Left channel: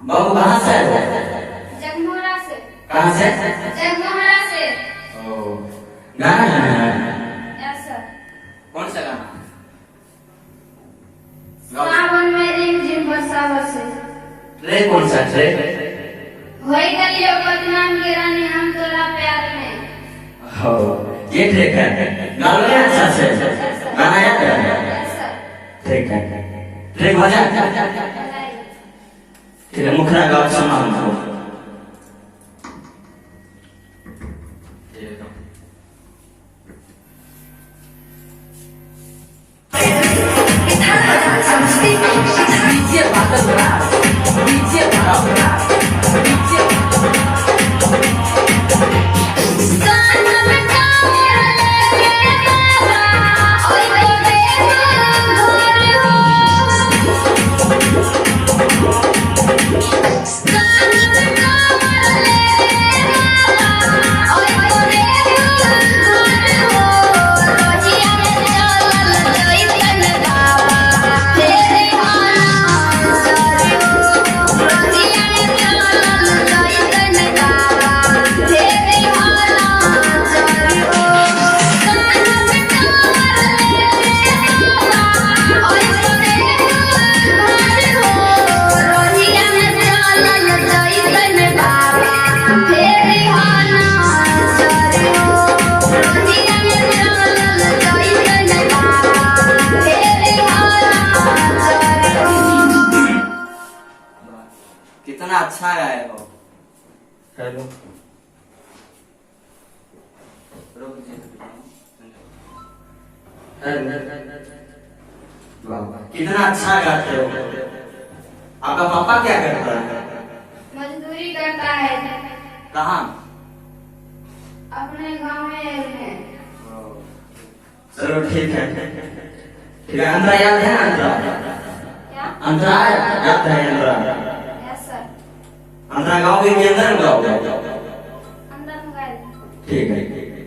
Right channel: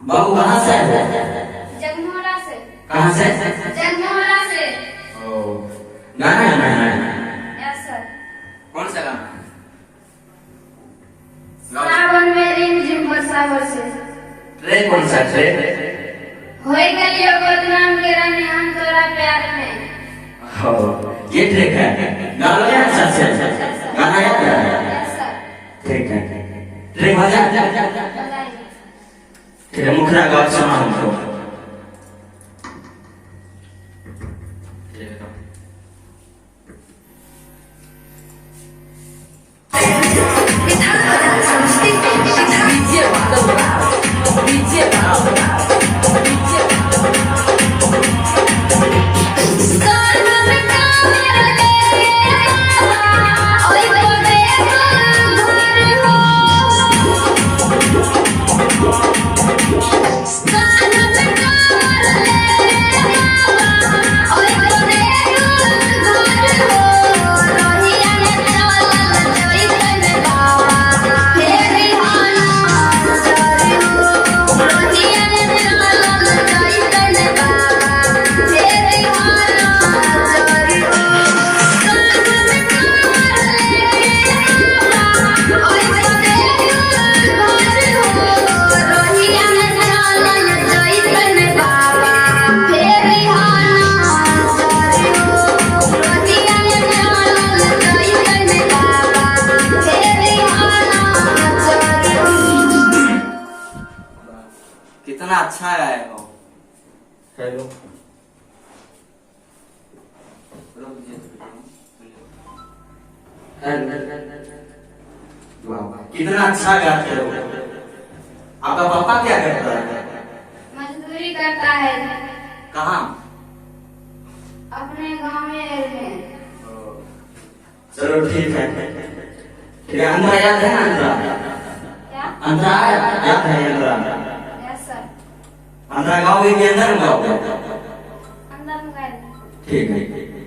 बाबू कहाँ से है? जगमोहरा से। कहाँ से? जगमोहरा से। ओ, गाना गाना है? Yes sir. कौन सा गाना? सावन में रिमझिम बरसा बरसे। ट्रे कौन सा ट्रे? होई गलियों बदनाम के रानी हम तोरा प्यार में। हो, ये ट्रेक है। गाना है अच्छा से? गाना याद है? Yes sir. ठीक है। ट्रेक बजा? ठीक है, मुखरा गाओ सुना हमको। कितना अच्छा गाए हो। हेलो, कितना अच्छा गाते हो। आपका पापा क्या करता है? मजदूरी करता है। कहाँ? अपने गांव में। चलो ठीक है। ठीक है, अंतरा याद है ना? अंतरा क्या? अंतरा याद है? अंतरा यस सर। अंतरा गाँव के अंदर गाँव। अंदर में। ठीक है।